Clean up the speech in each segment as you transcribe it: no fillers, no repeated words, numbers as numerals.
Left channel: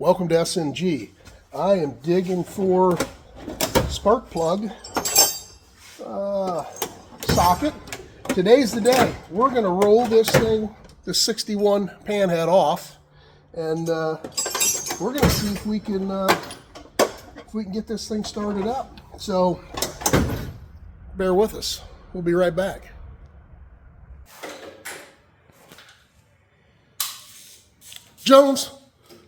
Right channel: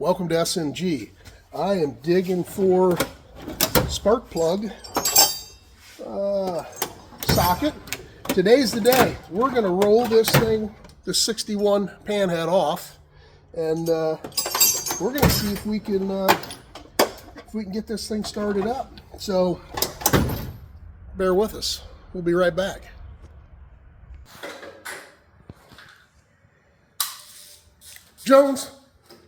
Welcome to SNG. I am digging for spark plug socket. Today's the day. We're going to roll this thing, the 61 Panhead off, and we're going to see if we can get this thing started up. So bear with us. We'll be right back. Jones,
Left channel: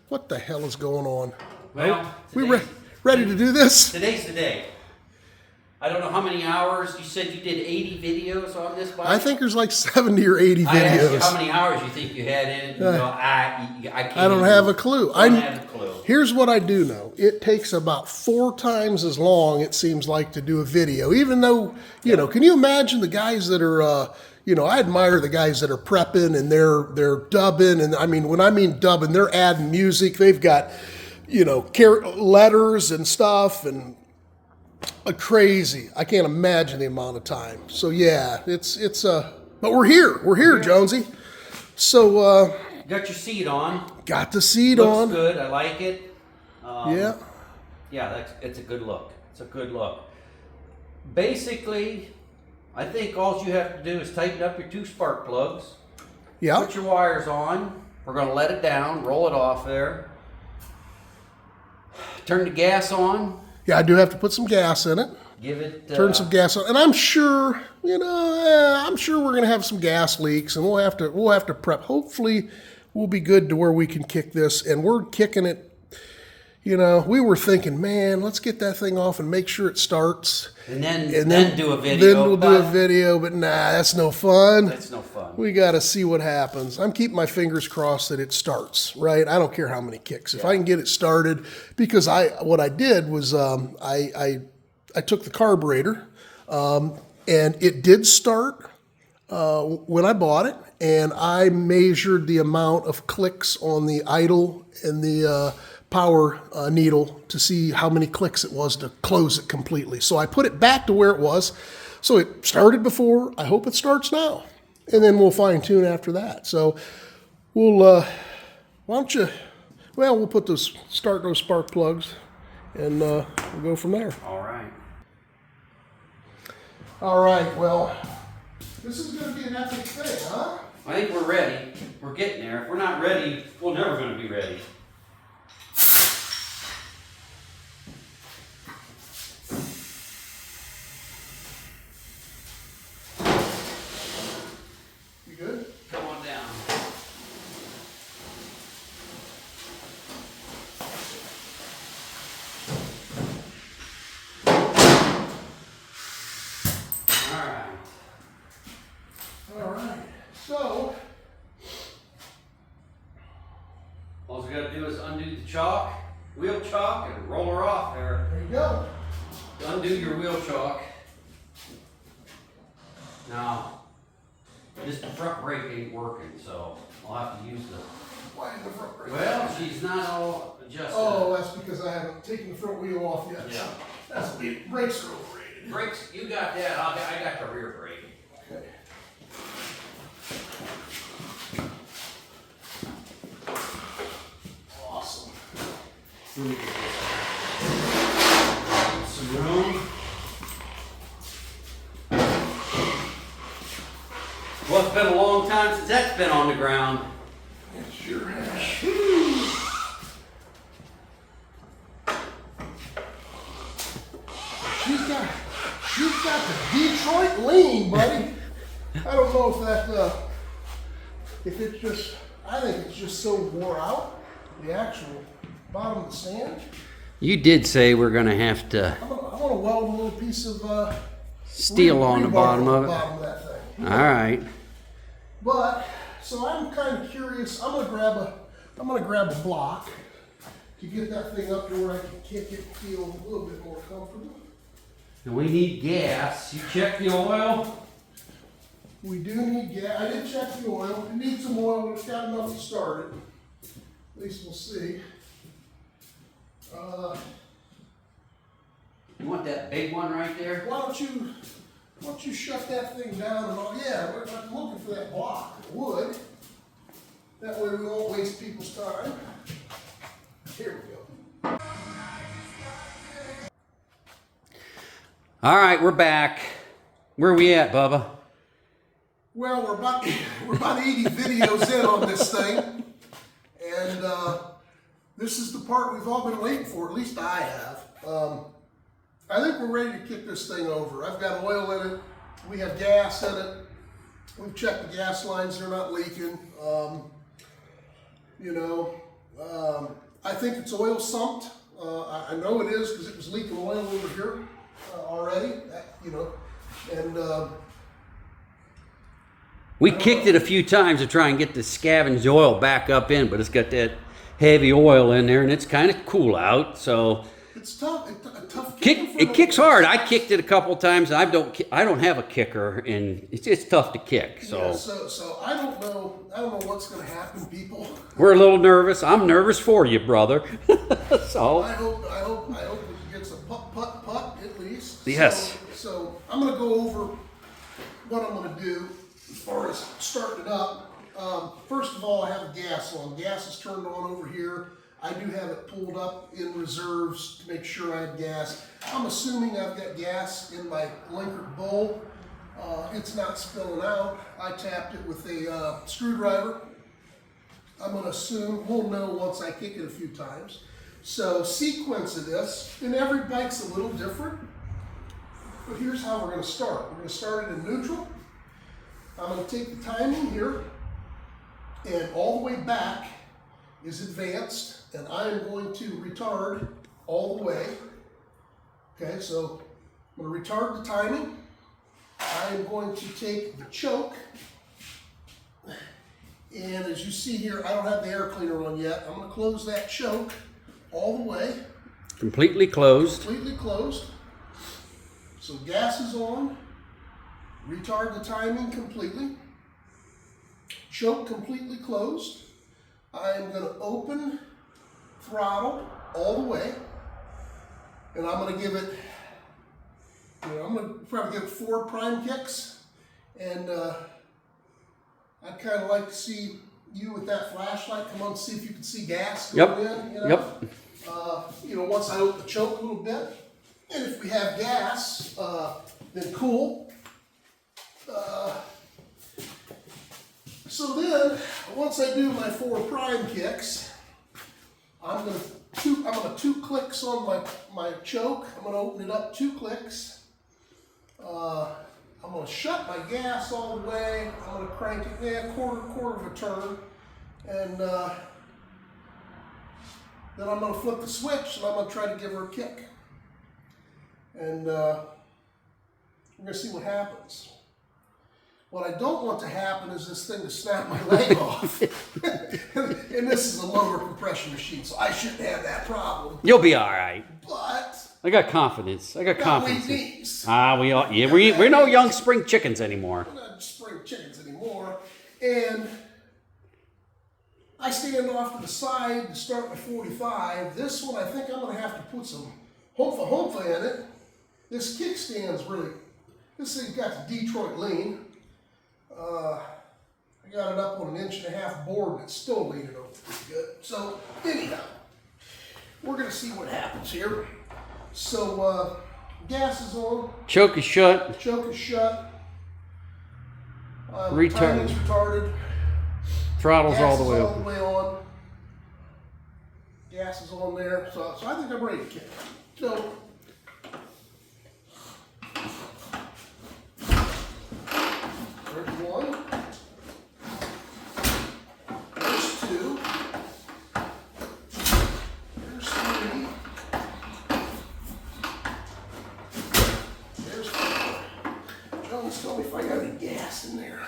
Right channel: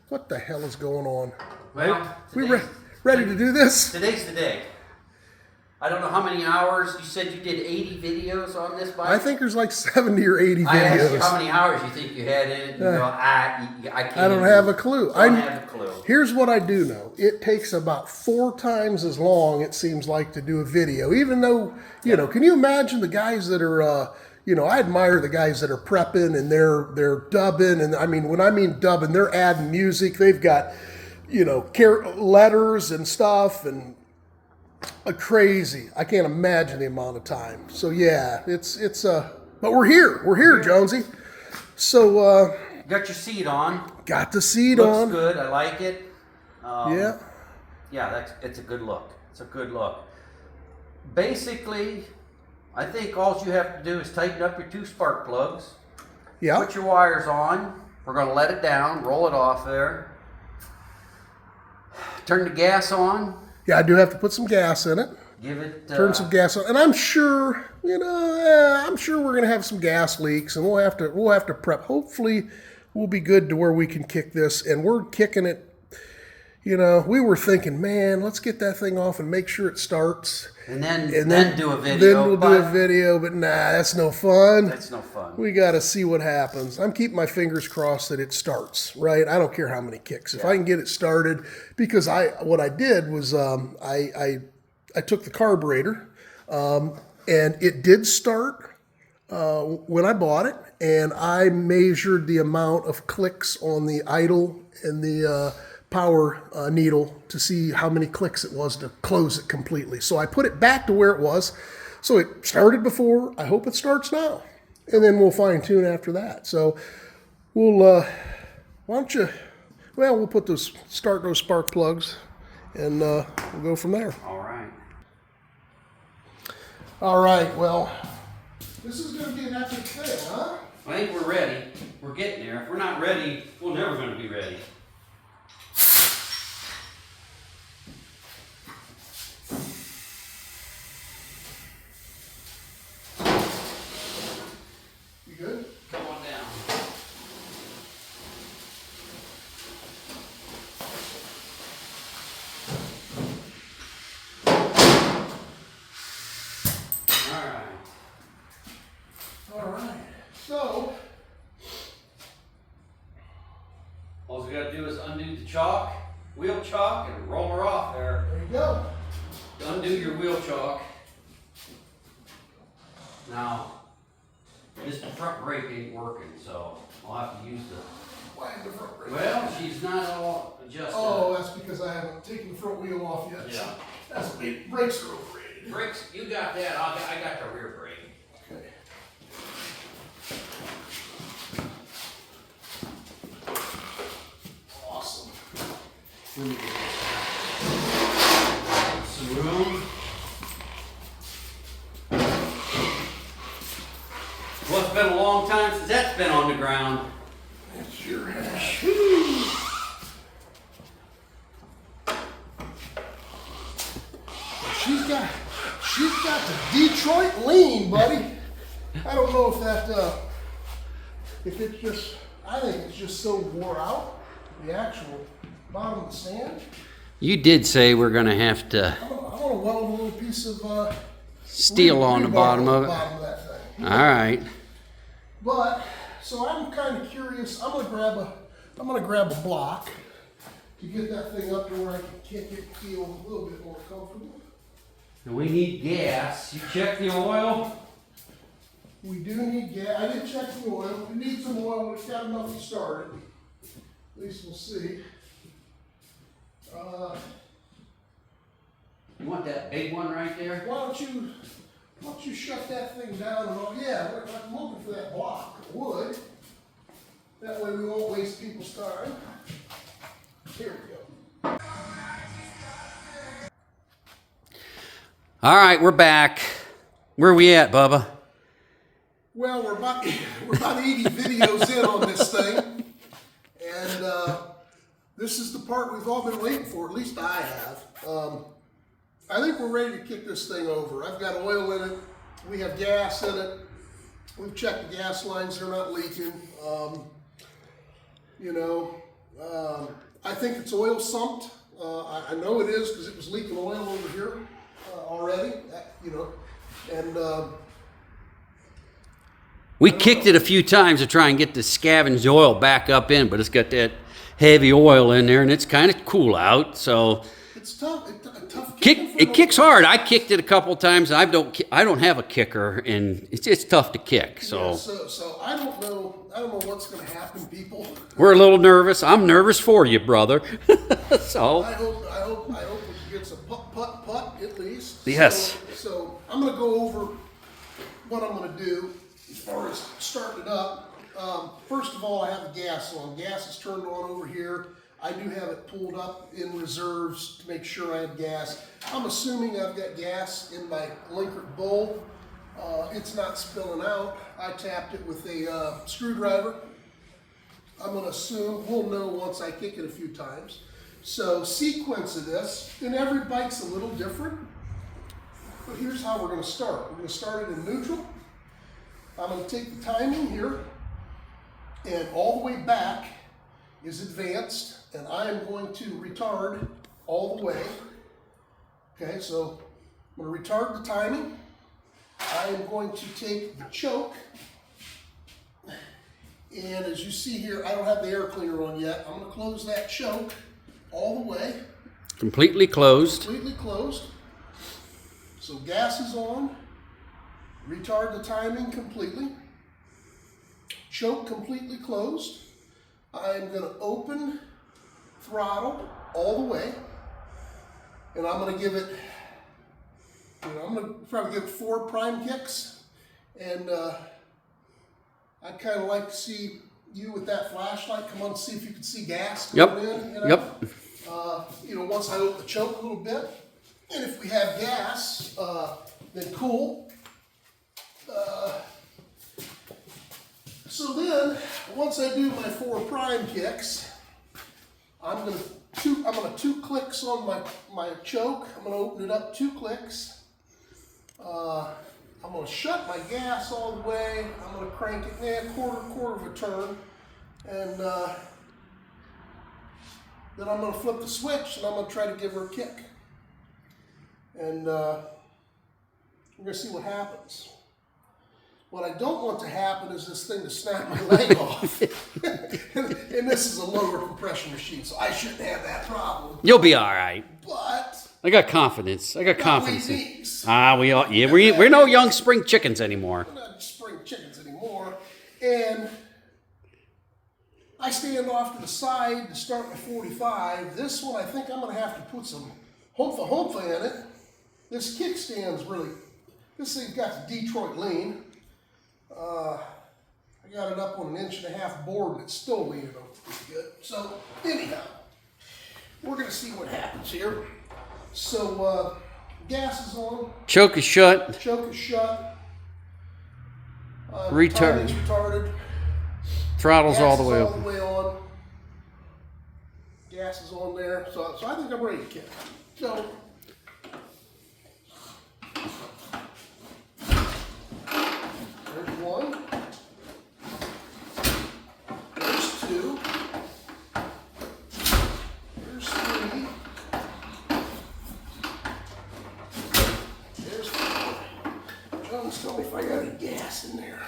what the hell is going on? Well, we ready to do this? Today's the day. I don't know how many hours. You said you did 80 videos on this bike? I think there's like 70 or 80 videos. I asked you how many hours you think you had in it. You go, I can't. I don't have a clue. I don't have a clue. Here's what I do know. It takes about 4 times as long, it seems like, to do a video. Even though, you know, can you imagine the guys that are, you know, I admire the guys that are prepping and they're dubbing. And I mean, when I mean dubbing, they're adding music. They've got, you know, letters and stuff and crazy. I can't imagine the amount of time. So yeah, but we're here, Jonesy. So got your seat on. Got the seat Looks on. Good. I like it. Yeah. Yeah, it's a good look. It's a good look. Basically, I think all you have to do is tighten up your 2 spark plugs. Yeah. Put your wires on. We're going to let it down. Roll it off there. Turn the gas on. Yeah, I do have to put some gas in it. Give it. Turn some gas on, and I'm sure, you know, I'm sure we're gonna have some gas leaks, and we'll have to prep. Hopefully, we'll be good to where we can kick this, and we're kicking it. You know, we were thinking, man, let's get that thing off and make sure it starts. And then do a video. Then we'll do a video, but nah, that's no fun. That's no fun. We got to see what happens. I'm keeping my fingers crossed that it starts, right? I don't care how many kicks. If I can get it started, because what I did was I took the carburetor, and it did start when I bought it, and I measured the amount of clicks on the idle and the power needle to see how many clicks it was to close it completely. So I put it back to where it was. So it started before. I hope it starts now. And then we'll fine tune after that. So we'll, we'll start those spark plugs, and we'll go from there. All right. All right, well, this is going to be an epic thing, huh? I think we're ready. We're getting there. If we're not ready, we're never going to be ready. Good? Come on down. All right. So, all we got to do is undo the chalk, wheel chalk, and roll her off there. there you go. Undo your wheel chalk. Now, this front brake ain't working, so I'll have to use the. Why is the front brake? Well, she's not all adjusted. Oh, that's because I haven't taken the front wheel off yet. Yeah. That's the brakes are overrated. Brakes, you got that. I got the rear brake. Okay. Awesome. Some room. Well, it's been a long time since that's been on the ground. It sure has. She's got the Detroit lean, buddy. I don't know if it's just, I think it's just so wore out, the actual bottom of the stand. You did say we're going to have to I want to weld a little piece of steel on the bottom of it. Bottom of that thing. All right. But so I'm kind of curious. I'm gonna grab a block to get that thing up to where I can kick it and feel a little bit more comfortable. And we need gas. You check the oil? We do need gas. I did check the oil. We need some oil when it's got enough to start it. At least we'll see. You want that big one right there? Why don't you shut that thing down and all? Yeah, I'm looking for that block of wood. That way we won't waste people's time. Here we go. All right, we're back. Where are we at, Bubba? Well, we're about 80 videos in on this thing, and this is the part we've all been waiting for. At least I have. I think we're ready to kick this thing over. I've got oil in it. We have gas in it. We've checked the gas lines; they're not leaking. I think it's oil sumped. I know it is because it was leaking oil over here already. And We kicked it a few times to try and get the scavenged oil back up in, but it's got that heavy oil in there, and it's kind of cool out. So it's tough. It's a tough kick. it kicks hard. I kicked it a couple of times. I don't have a kicker, and it's tough to kick. So yeah, so I don't know what's going to happen, people. We're a little nervous. I'm nervous for you, brother. So I hope we can get some putt at least. Yes. So I'm going to go over what I'm going to do as far as starting it up. First of all, I have the gas on. Gas is turned on over here. I do have it pulled up in reserves to make sure I have gas. I'm assuming I've got gas in my Linkert bowl. It's not spilling out. I tapped it with a screwdriver. I'm going to assume we'll know once I kick it a few times. So sequence of this, and every bike's a little different. But here's how we're going to start. We're going to start it in neutral. I'm going to take the timing here, and all the way back is advanced, and I am going to retard all the way. Okay, so I'm going to retard the timing. I am going to take the choke, and as you see here, I don't have the air cleaner on yet. I'm going to close that choke all the way. completely closed. Completely closed. So gas is on. Retard the timing completely. Choke completely closed. I'm going to open throttle all the way, and I'm going to give it, I'm going to probably give it 4 prime kicks, and I'd kind of like to see you with that flashlight come on, see if you can see gas going in. Yep. Once I open the choke a little bit, and if we have gas, then cool. So then, once I do my 4 prime kicks, I'm gonna 2 clicks on my choke. I'm gonna open it up 2 clicks. I'm gonna shut my gas all the way. I'm gonna crank it quarter of a turn, and then I'm gonna flip the switch and I'm gonna try to give her a kick, and we're gonna see what happens. What I don't want to happen is this thing to snap my leg off. And this is a lower compression machine, so I shouldn't have that problem. You'll be all right. But I got confidence. I got confidence. We We're no young spring chickens anymore. We're not spring chickens anymore. And I stand off to the side to start my 45. This one, I think I'm going to have to put some humpha in it. This kickstand's really, this thing's got the Detroit lean. I got it up on an 1.5 board and it's still leaning over pretty good. So anyhow, we're going to see what happens here. So gas is on. Choke is shut. Choke is shut. Retard. Timing's retarded. Throttle's all the way Gas is all open. the way on. Gas is on there. So I think I'm ready to kick. So there's 1. There's 2. There's 3. There's 4. Jones, tell me if I got any gas in there.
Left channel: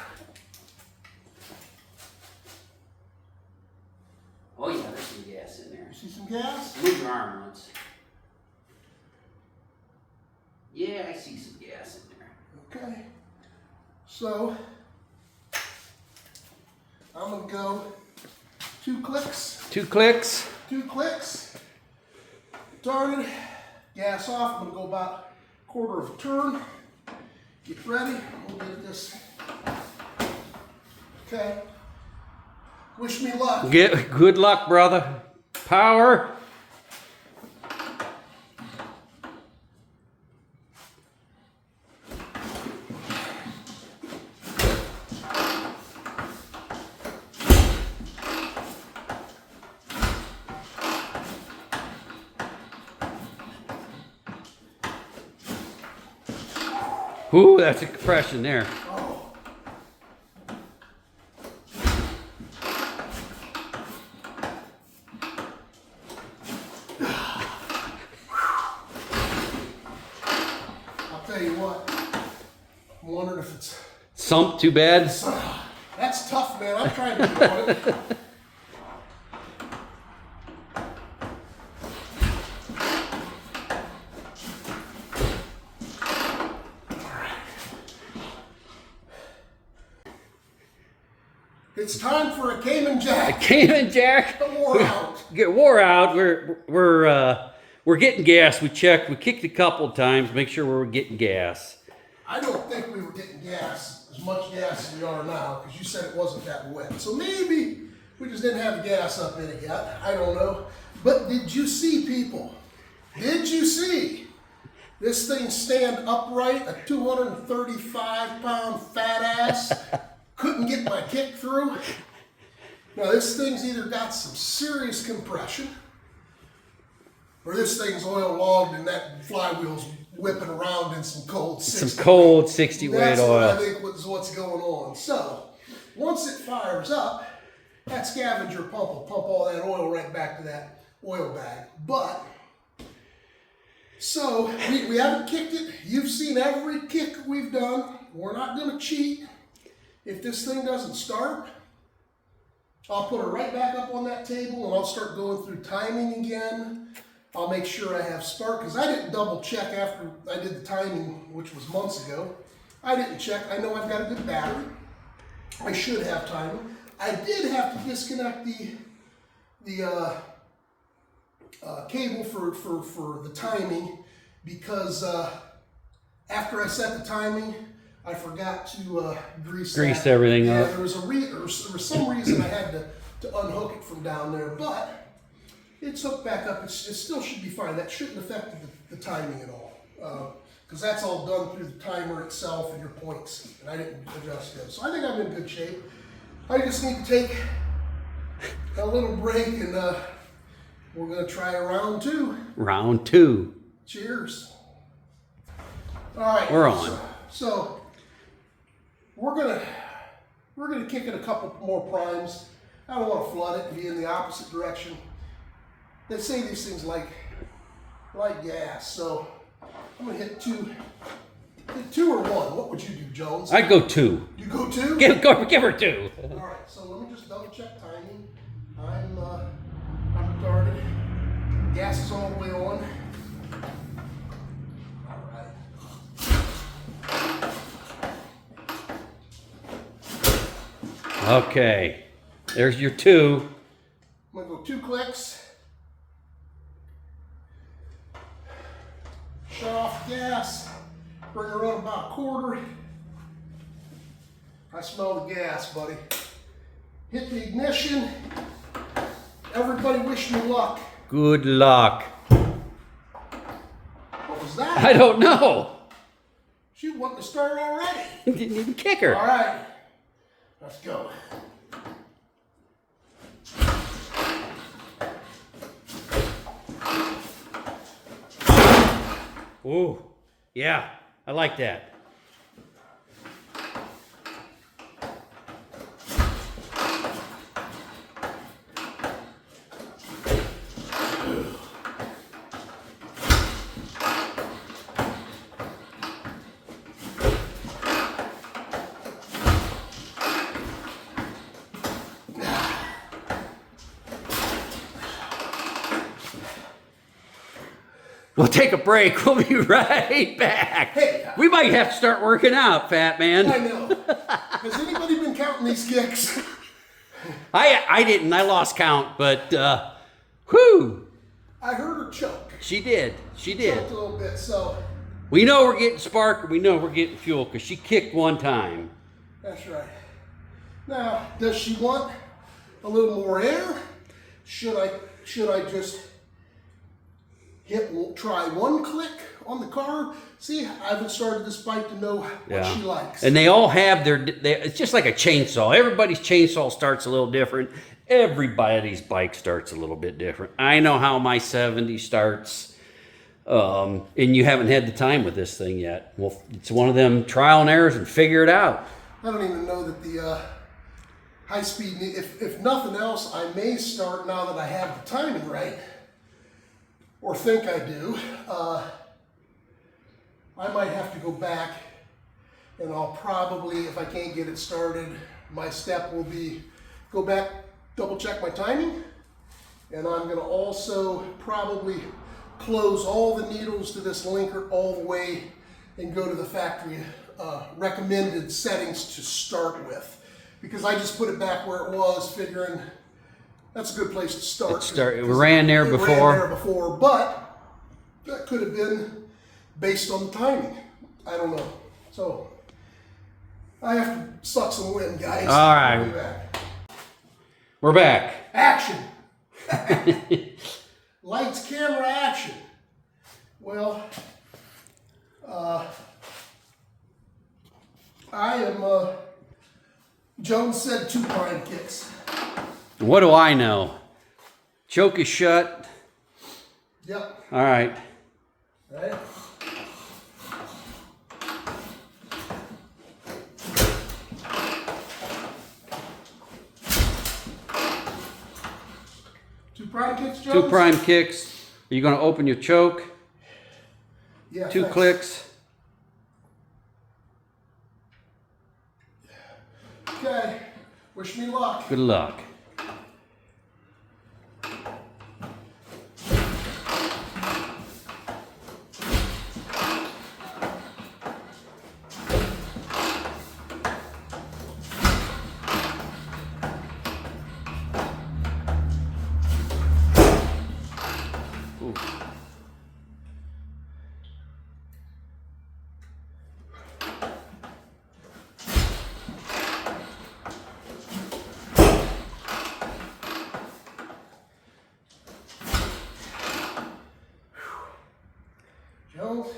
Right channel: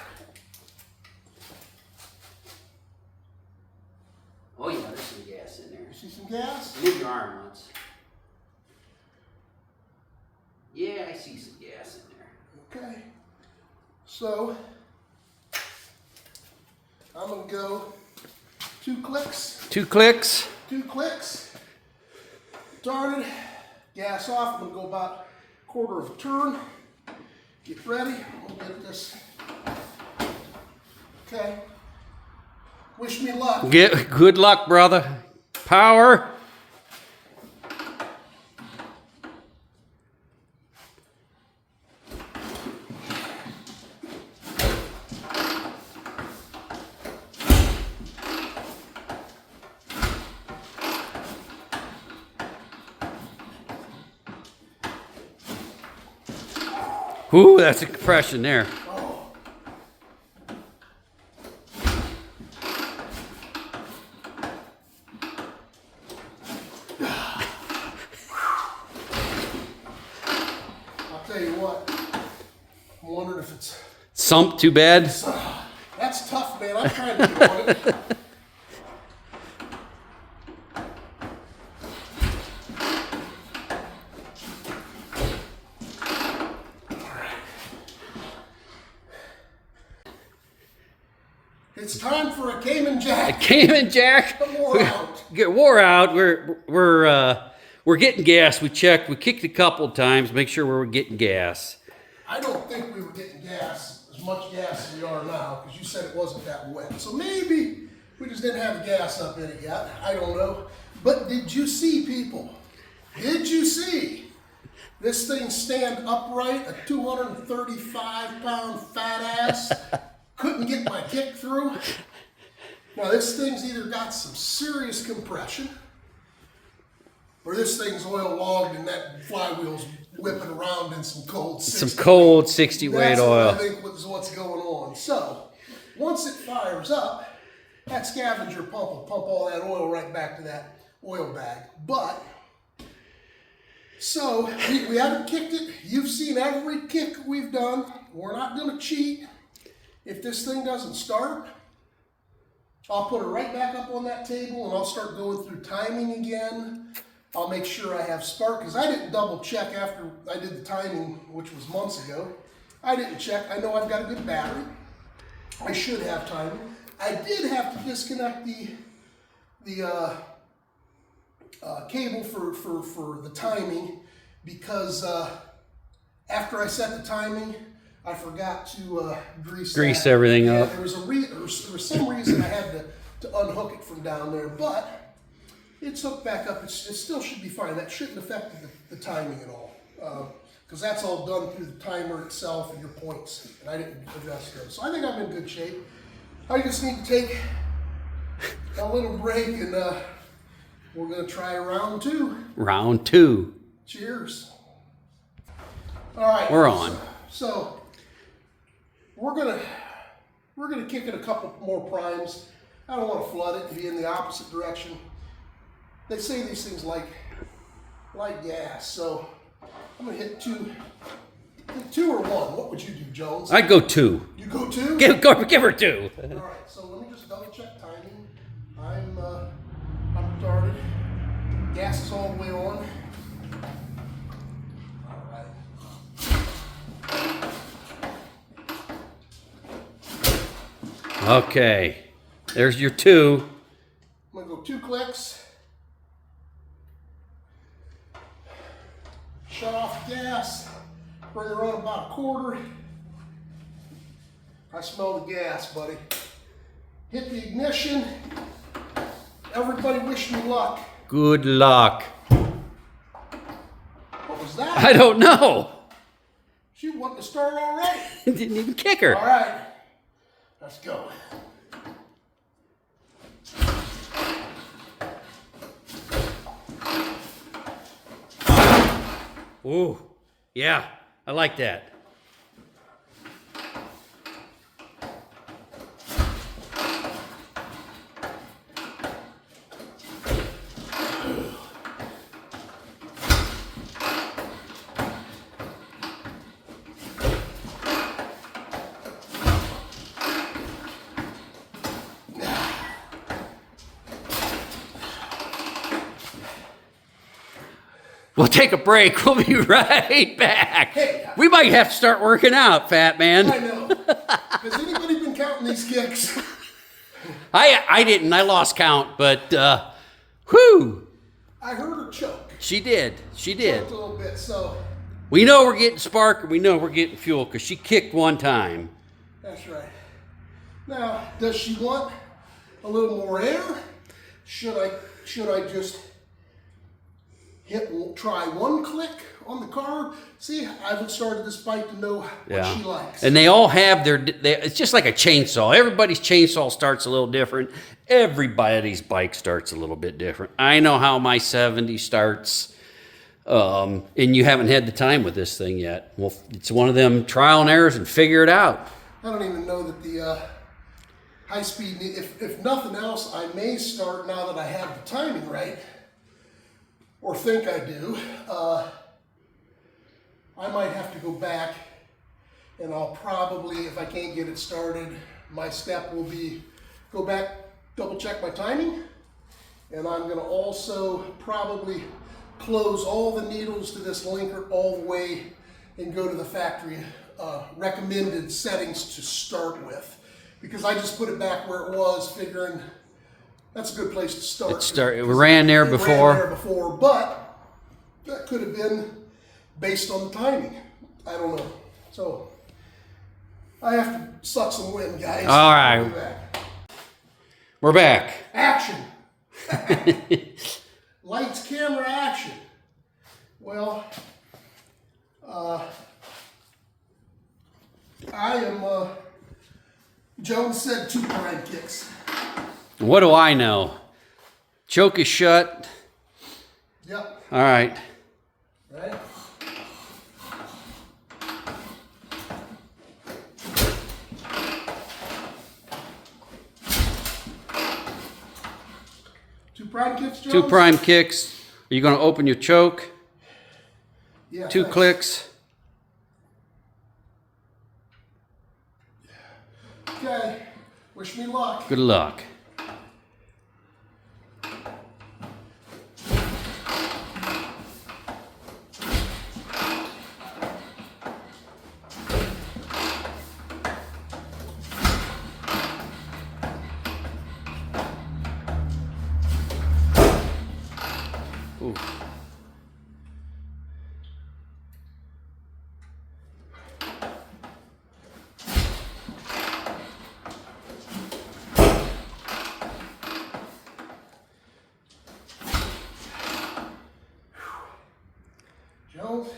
Oh yeah, there's some gas in there. You see some gas? Move your arm once. Yeah, I see some gas in there. Okay. So I'm going to go 2 clicks. 2 clicks. 2 clicks. Started. Gas off. I'm going to go about quarter of a turn. Get ready. We'll get this. Okay. Wish me luck. Good luck, brother. Power. Ooh, that's a compression there. Oh. I'll tell you what, I'm wondering if it's... Sump too bad? That's tough, man. I'm trying to do it. It's time for a Cayman Jack. Cayman Jack. Wore out. Get wore out. We're getting gas. We checked. We kicked a couple times. Make sure we're getting gas. I don't think we were getting gas, as much gas as we are now, because you said it wasn't that wet. So maybe we just didn't have the gas up in it yet. I don't know. But did you see, people? Did you see this thing stand upright? A 235-pound fat ass couldn't get my kick through. Now this thing's either got some serious compression, or this thing's oil logged and that flywheel's whipping around in some cold 60. Some cold 60 weight That's oil. what I think is what's going on. So once it fires up, that scavenger pump will pump all that oil right back to that oil bag. But so we haven't kicked it. You've seen every kick we've done. We're not going to cheat. If this thing doesn't start, I'll put it right back up on that table and I'll start going through timing again. I'll make sure I have spark, because I didn't double check after I did the timing, which was months ago. I didn't check. I know I've got a good battery. I should have timing. I did have to disconnect the cable for the timing, because after I set the timing, I forgot to grease everything up. up. There was some reason I had to unhook it from down there, but it's hooked back up. It still should be fine. That shouldn't affect the timing at all, because that's all done through the timer itself and your points, and I didn't adjust those. So I think I'm in good shape. I just need to take a little break, and we're going to try round two. Round two. Cheers. All right. We're on. So we're gonna kick it a couple more primes. I don't want to flood it and be in the opposite direction. They say these things like gas, so I'm gonna hit two or one. What would you do, Jones? I'd go two. You go two? Give her two. All right. So let me just double check timing. I'm retarded. Gas is all the way on. Okay, there's your two. I'm gonna go 2 clicks. Shut off the gas. Bring her on about a quarter. I smell the gas, buddy. Hit the ignition. Everybody wish me luck. Good luck. What was that? I don't know. She wanting to start already. Didn't even kick her. All right. Let's go. Ooh, yeah, I like that. We'll take a break. We'll be right back. Hey. We might have to start working out, fat man. I know. Has anybody been counting these kicks? I didn't. I lost count, but whew. I heard her choke. She did. She did. Choked a little bit, so. We know we're getting spark, and we know we're getting fuel, because she kicked one time. That's right. Now, does she want a little more air? Should I just try one click on the carb? See, I haven't started this bike to know what she likes. And they all have it's just like a chainsaw. Everybody's chainsaw starts a little different. Everybody's bike starts a little bit different. I know how my 70 starts. and you haven't had the time with this thing yet. Well, it's one of them trial and errors and figure it out. I don't even know that the high speed, if nothing else, I may start now that I have the timing right, or think I do. I might have to go back, and I'll probably, if I can't get it started, my step will be go back, double check my timing, and I'm going to also probably close all the needles to this linker all the way and go to the factory recommended settings to start with, because I just put it back where it was, figuring that's a good place to start. It ran there before, but that could have been based on the timing. I don't know. So I have to suck some wind, guys. All right. We're back. Action. Lights, camera, action. Well, I am, Jones said 2 prime kicks. What do I know? Choke is shut. Yep. All right. Right. Prime kicks, Jones? 2 prime kicks. Are you going to open your choke? Yeah. 2 clicks. Okay. Wish me luck. Good luck. Ooh. Jones?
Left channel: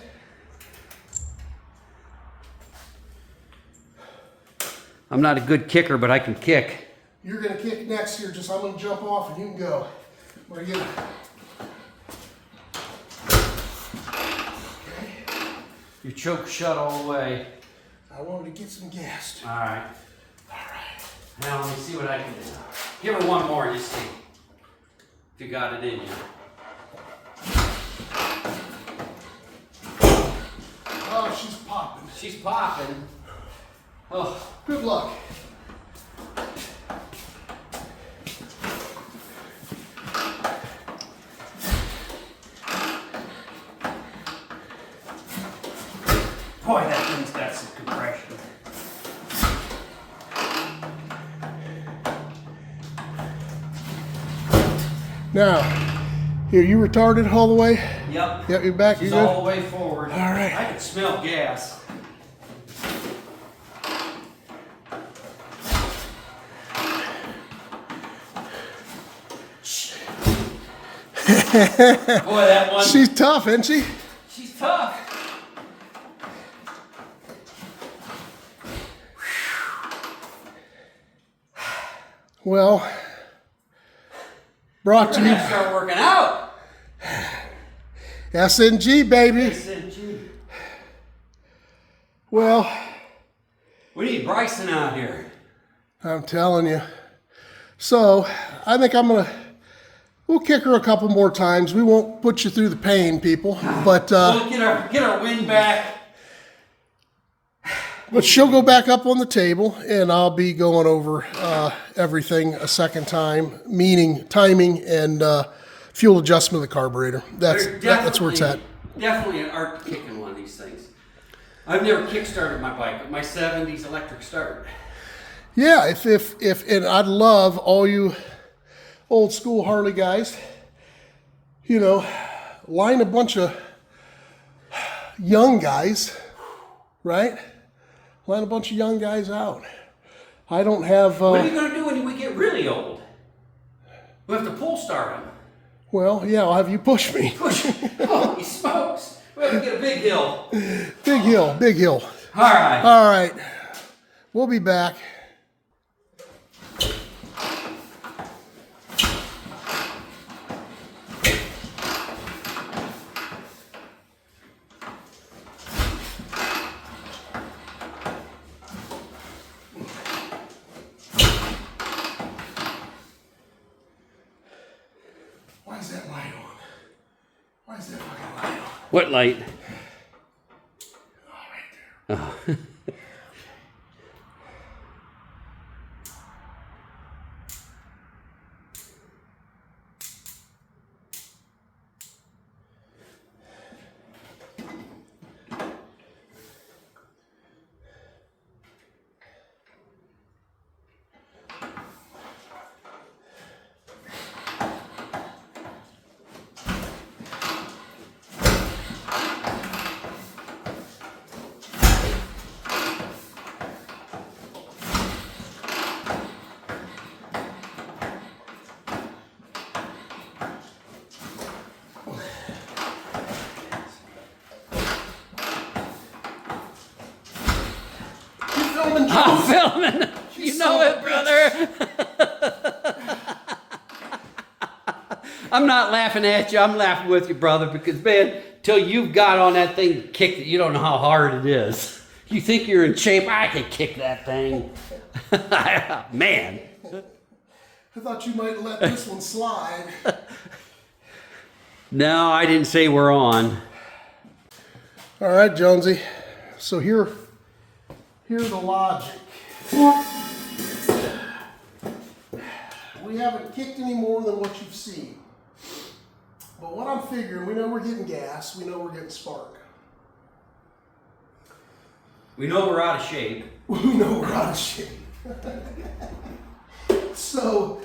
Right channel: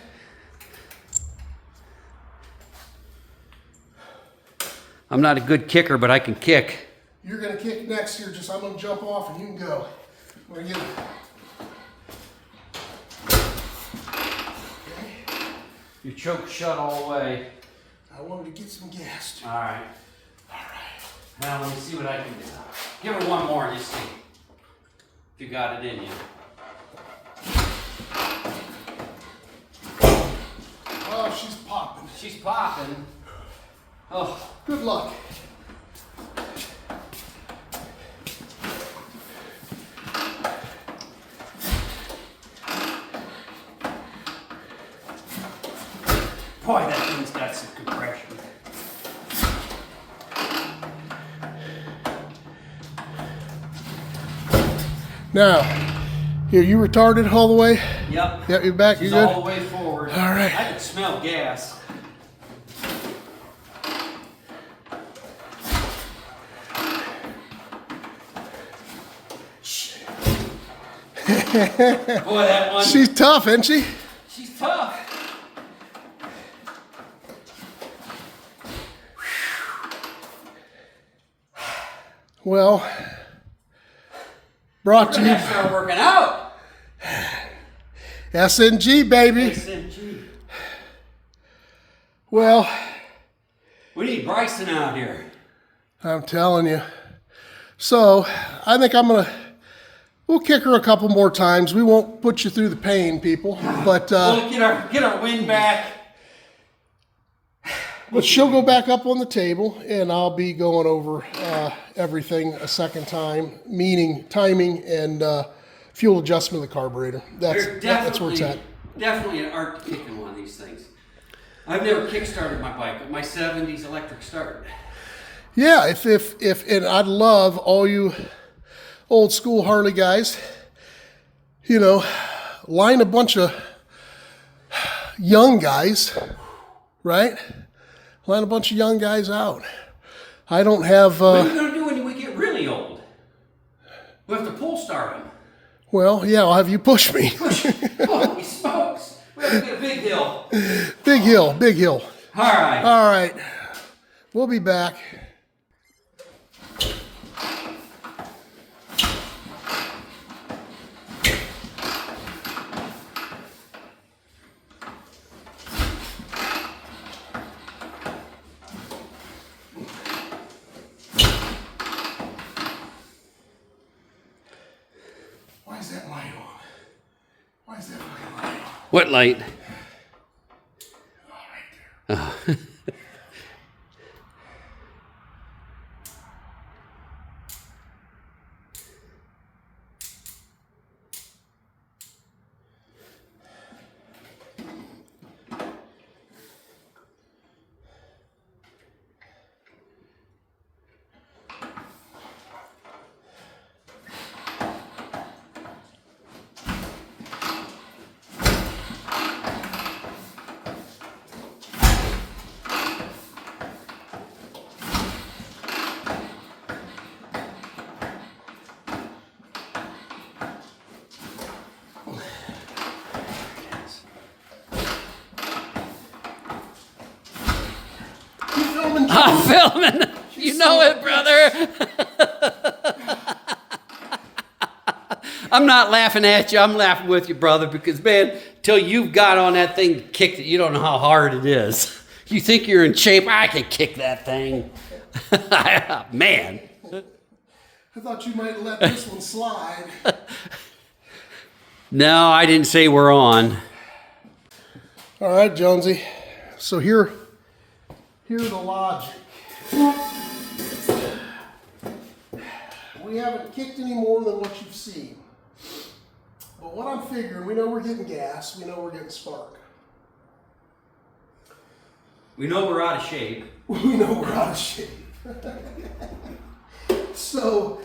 I'm not a good kicker, but I can kick. You're going to kick next here. Just I'm going to jump off and you can go. We're going to get Your choke shut all the way. I wanted to get some gas. All right. All right. Now let me see what I can do. Give her one more and just see if you got it in you. Oh, she's popping. She's popping. Oh. Good luck. Boy, that thing's got some compression. Now, here, you retarded all the way? Yep. Yep, you're back. She's You're good? all the way forward. All right. I can smell gas. Boy, that one. She's tough, isn't she? She's tough. Well, brought to We're you. gonna start working out. SNG, baby. SNG. Well, We need Bryson out here. I'm telling you. So, I think we'll kick her a couple more times. We won't put you through the pain, people. But We'll get our wind back. But she'll go back up on the table, and I'll be going over everything a second time, meaning timing and fuel adjustment of the carburetor. That's where it's at. Definitely an art kicking one of these things. I've never kick-started my bike, but my 70s electric start. Yeah, if and I'd love all you old school Harley guys, line a bunch of young guys, right? Line a bunch of young guys out. I don't have. What are you going to do when we get really old? We have to pull start them. Well, yeah, I'll have you push me. Holy smokes. We have to get a big hill. Big hill, big hill. All right. All right. We'll be back. light on? Why is that fucking light on? What light? Oh, right there. Oh. I'm filming. You know it, brother. I'm not laughing at you. I'm laughing with you, brother, because, man, till you've got on that thing and kicked it, you don't know how hard it is. You think you're in shape. I can kick that thing. Man. I thought you might let this one slide. No, I didn't say we're on. All right, Jonesy. So here's the logic. We haven't kicked any more than what you've seen. But what I'm figuring, we know we're getting gas, we know we're getting spark. We know we're out of shape. We know we're out of shape. So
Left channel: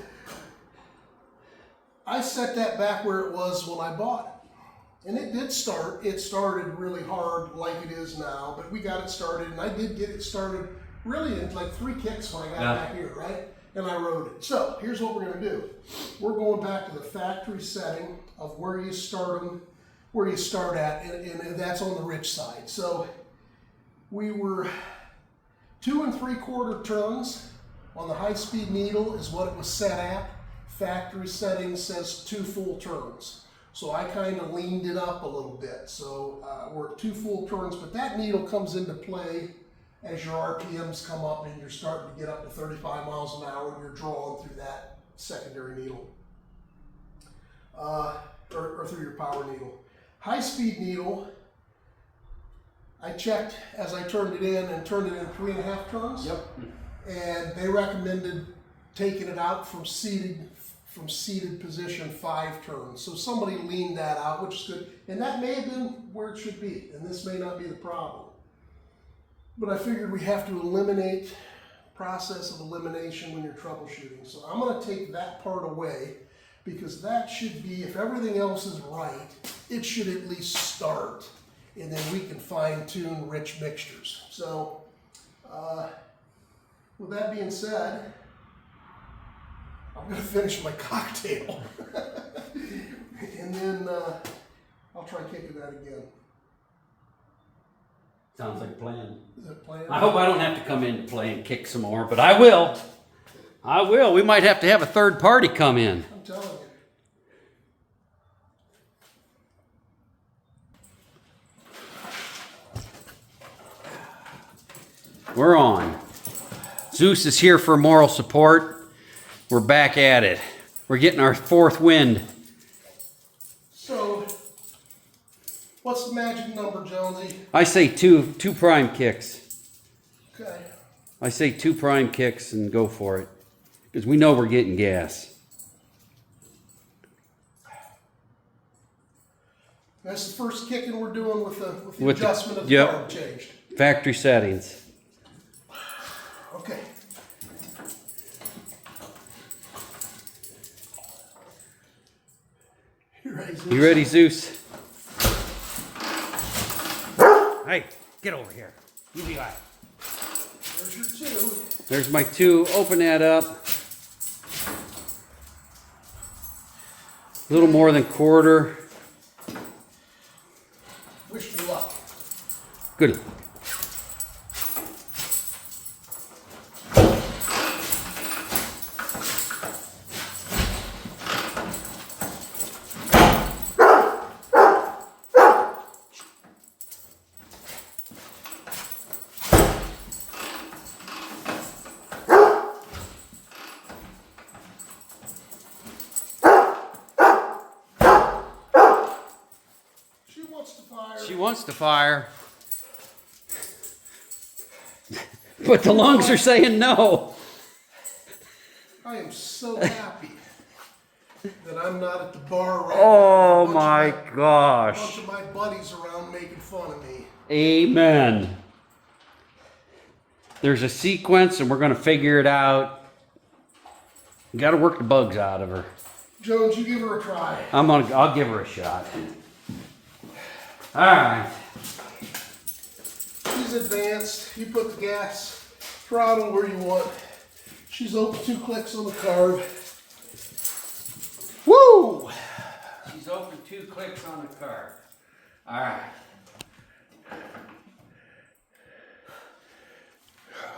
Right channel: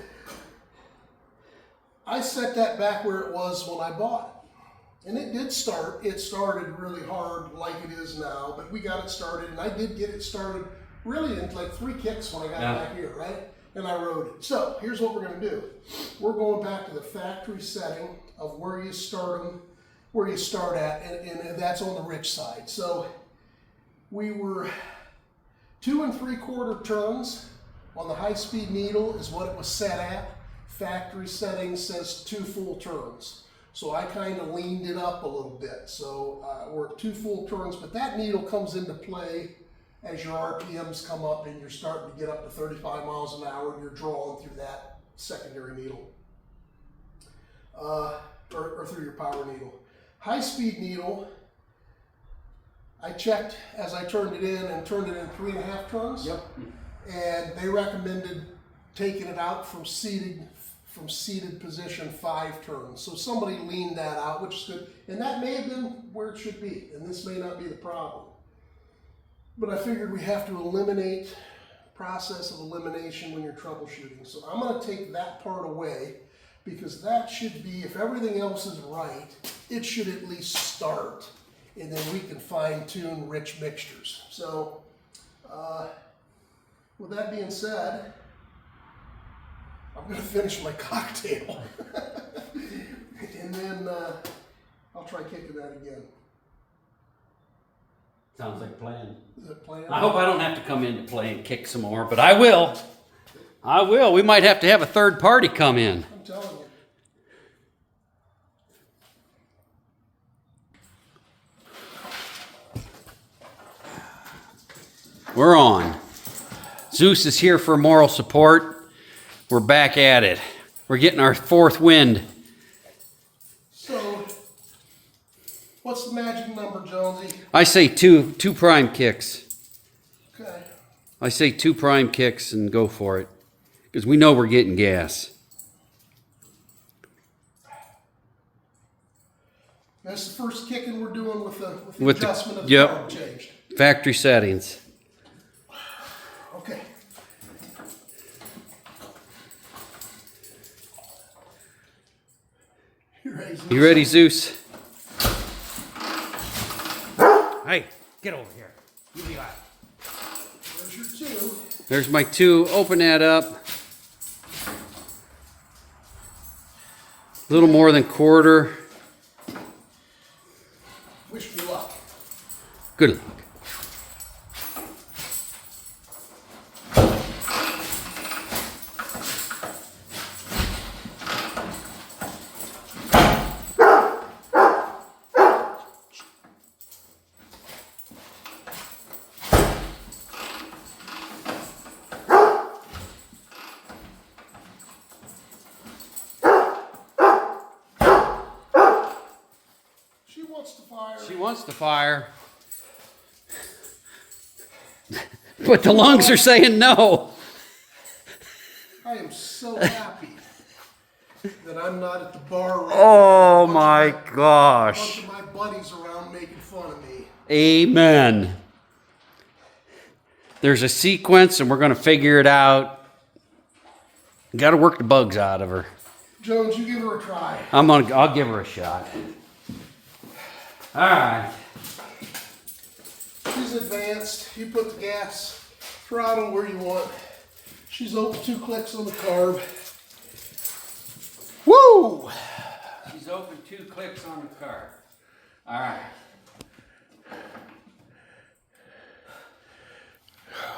I set that back where it was when I bought it. And it did start. It started really hard like it is now, but we got it started, and I did get it started really in like 3 kicks when I got back here, right? And I rode it. So here's what we're going to do. We're going back to the factory setting of where you start them, where you start at, and that's on the rich side. So we were 2 3/4 turns on the high-speed needle is what it was set at. Factory setting says 2 full turns. So I kind of leaned it up a little bit. So we're at 2 full turns, but that needle comes into play as your RPMs come up and you're starting to get up to 35 miles an hour and you're drawing through that secondary needle, or through your power needle. High-speed needle, I checked as I turned it in and turned it in 3 1/2 turns. Yep. And they recommended taking it out from seated position 5 turns. So somebody leaned that out, which is good. And that may have been where it should be, and this may not be the problem. But I figured we have to eliminate, process of elimination when you're troubleshooting. So I'm gonna take that part away, because that should be, if everything else is right, it should at least start, and then we can fine tune rich mixtures. So with that being said, I'm going to finish my cocktail. And then I'll try kicking that again. Sounds like a plan. Is that plan? I hope I don't have to come in to play and kick some more, but I will. I will. We might have to have a third party come in. I'm telling you. We're on. Zeus is here for moral support. We're back at it. We're getting our 4th wind. So, what's the magic number, Jonesy? I say two prime kicks. Okay. I say 2 prime kicks and go for it. Because we know we're getting gas. That's the first kicking we're doing with the With the- adjustment of the yep. arm changed. Factory settings. Okay. You ready, Zeus? You ready, Zeus? Hey, get over here. You be loud. There's your 2. There's my 2. Open that up. A little more than quarter. Wish me luck. Good. wants to fire. She wants to fire. But the lungs are saying no. I am so happy that I'm not at the bar right Oh now. my A bunch gosh. of my buddies around making fun of me. Amen. There's a sequence and we're going to figure it out. Got to work the bugs out of her. Jones, you give her a try. I'll give her a shot. All right. She's advanced. You put the gas throttle where you want. She's open 2 clicks on the carb. Woo! She's open 2 clicks on the car. All right.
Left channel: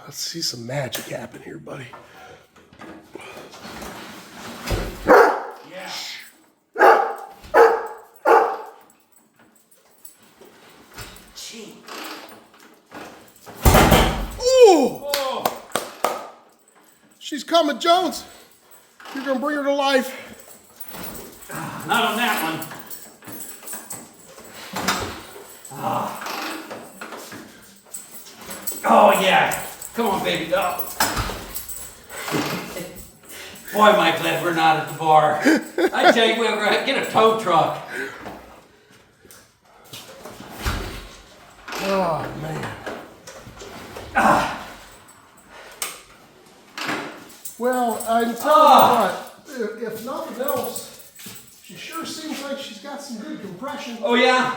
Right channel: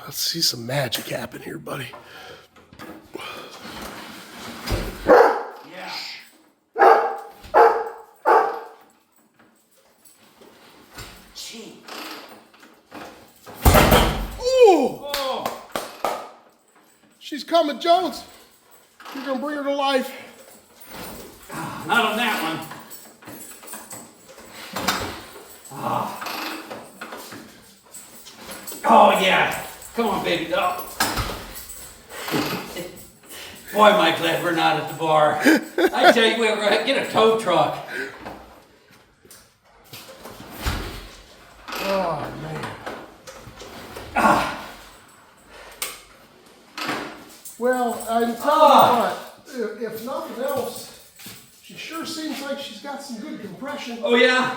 Let's see some magic happen here, buddy. Yeah. Gee. Ooh! Oh. She's coming, Jones. You're gonna bring her to life. Not on that one. Ah. Oh yeah. Come on, baby doll. Boy, am I glad we're not at the bar. I tell you, we're gonna get a tow truck. Oh man. Well, I'm telling you what, if nothing else, she sure seems like she's got some good compression. Oh yeah.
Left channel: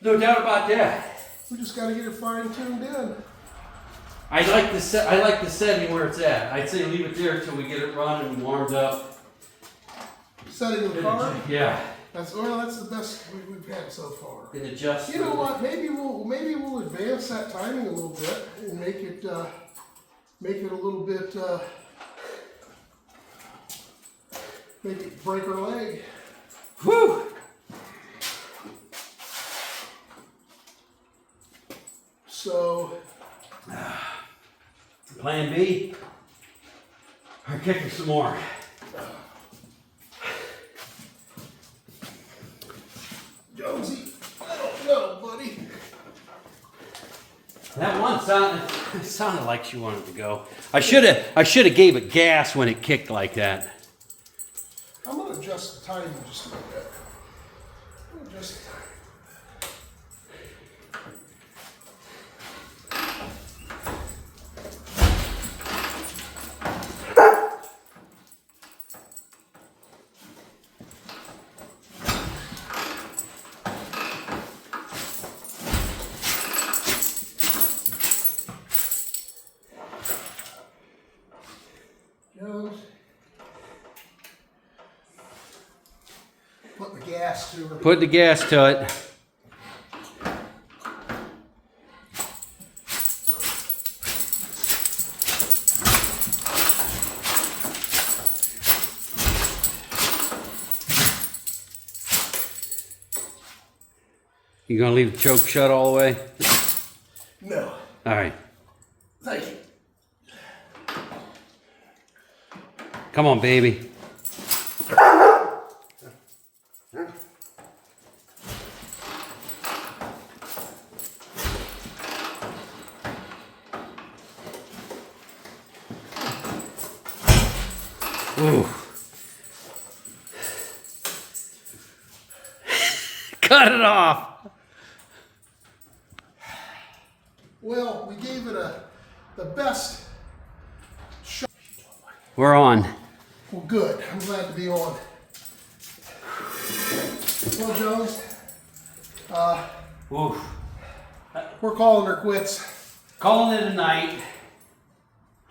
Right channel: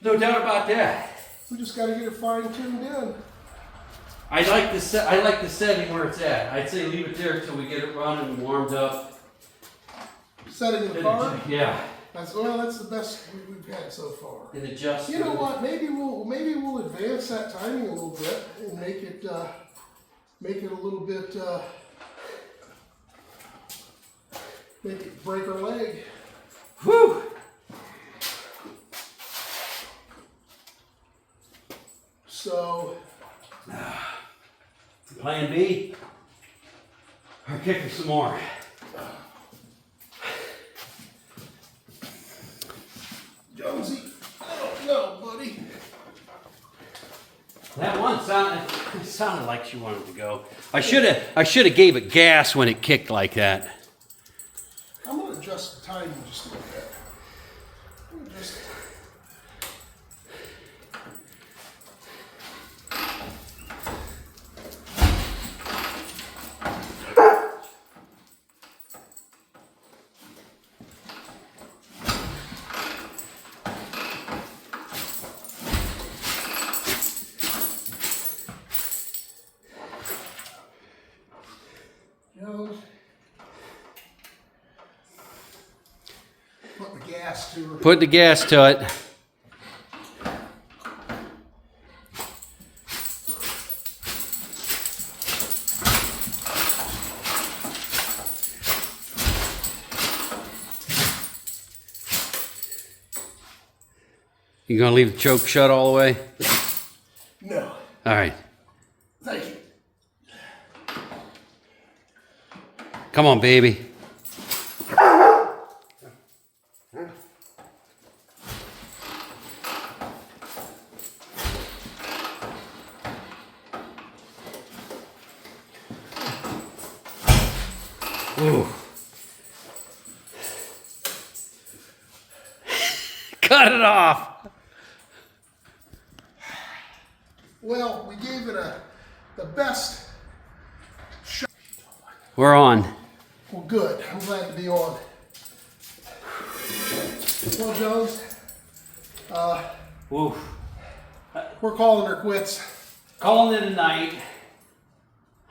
No doubt about that. We just got to get her fine-tuned in. I like the setting where it's at. I'd say leave it there until we get it running and warmed up. Setting in the car. Yeah. That's the best we've had so far. And adjust. You know what? Maybe we'll advance that timing a little bit and make it a little bit. Maybe break her leg. Whew. So. Plan B. Or kick her some more. Jonesy, I don't know, buddy. That one sounded like she wanted to go. I should have gave it gas when it kicked like that. I'm gonna adjust the timing just a little bit. I'm gonna adjust the timing. Jones, put the gas to her. Put the gas to it. You gonna leave the choke shut all the way? No. All right. Thank you. Come on, baby. Ooh. Cut it off. Well, we gave it the best shot. We're on. Well, good. I'm glad to be on. Well, Jones, Ooh. we're calling her quits. Calling it a night.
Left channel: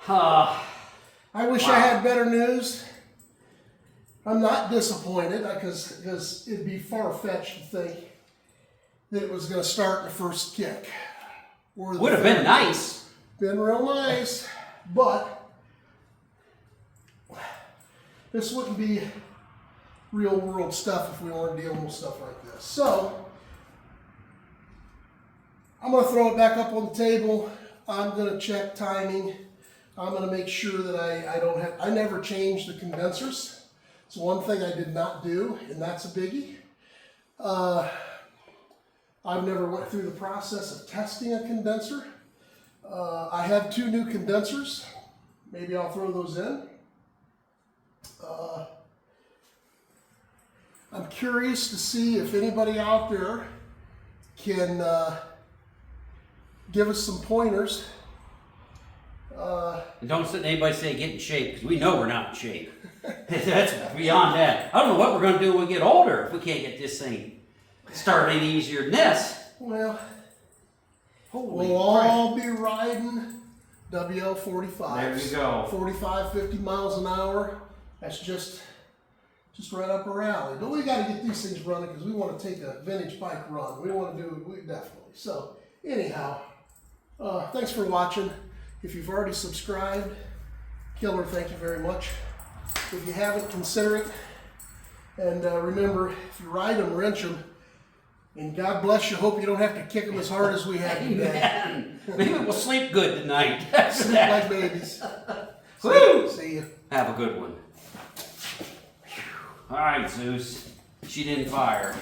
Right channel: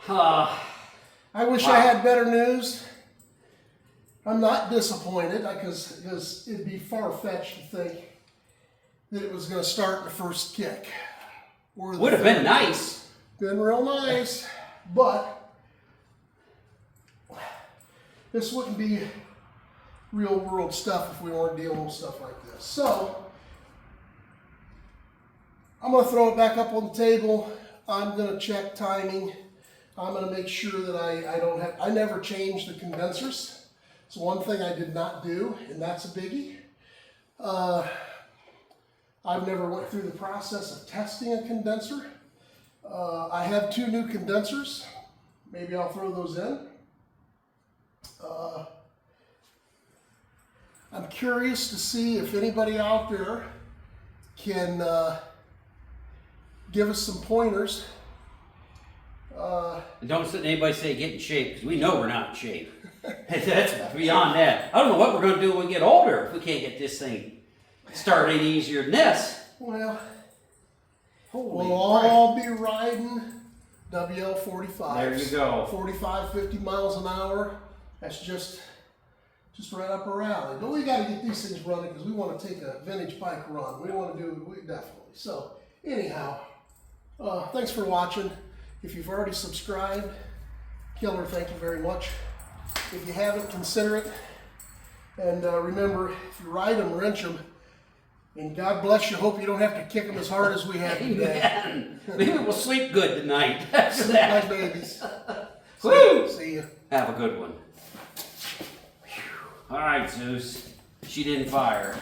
I wish I had better news. I'm not disappointed because it'd be far-fetched to think that it was going to start in the first kick. Or the Would have been nice. Been real nice, but this wouldn't be real world stuff if we weren't dealing with stuff like this. So I'm going to throw it back up on the table. I'm going to check timing. I'm going to make sure that I never change the condensers. It's one thing I did not do, and that's a biggie. I've never went through the process of testing a condenser. I have 2 new condensers. Maybe I'll throw those in. I'm curious to see if anybody out there can give us some pointers. And don't let anybody say get in shape, because we know we're not in shape. That's beyond that. I don't know what we're going to do when we get older if we can't get this thing started any easier than this. Well, Holy we'll crap. all be riding WL 45s. There you go. 45, 50 miles an hour. That's just right up our alley. But we got to get these things running because we want to take a vintage bike run. We want to do it, definitely. So anyhow, thanks for watching. If you've already subscribed, Killer, thank you very much. If you haven't, consider it. And remember, if you ride them, wrench them. And God bless you. Hope you don't have to kick them as hard as we have today. Amen. Maybe we'll sleep good tonight. That's Like that. babies. Woo! See you. Have a good one. All right, Zeus. She didn't fire.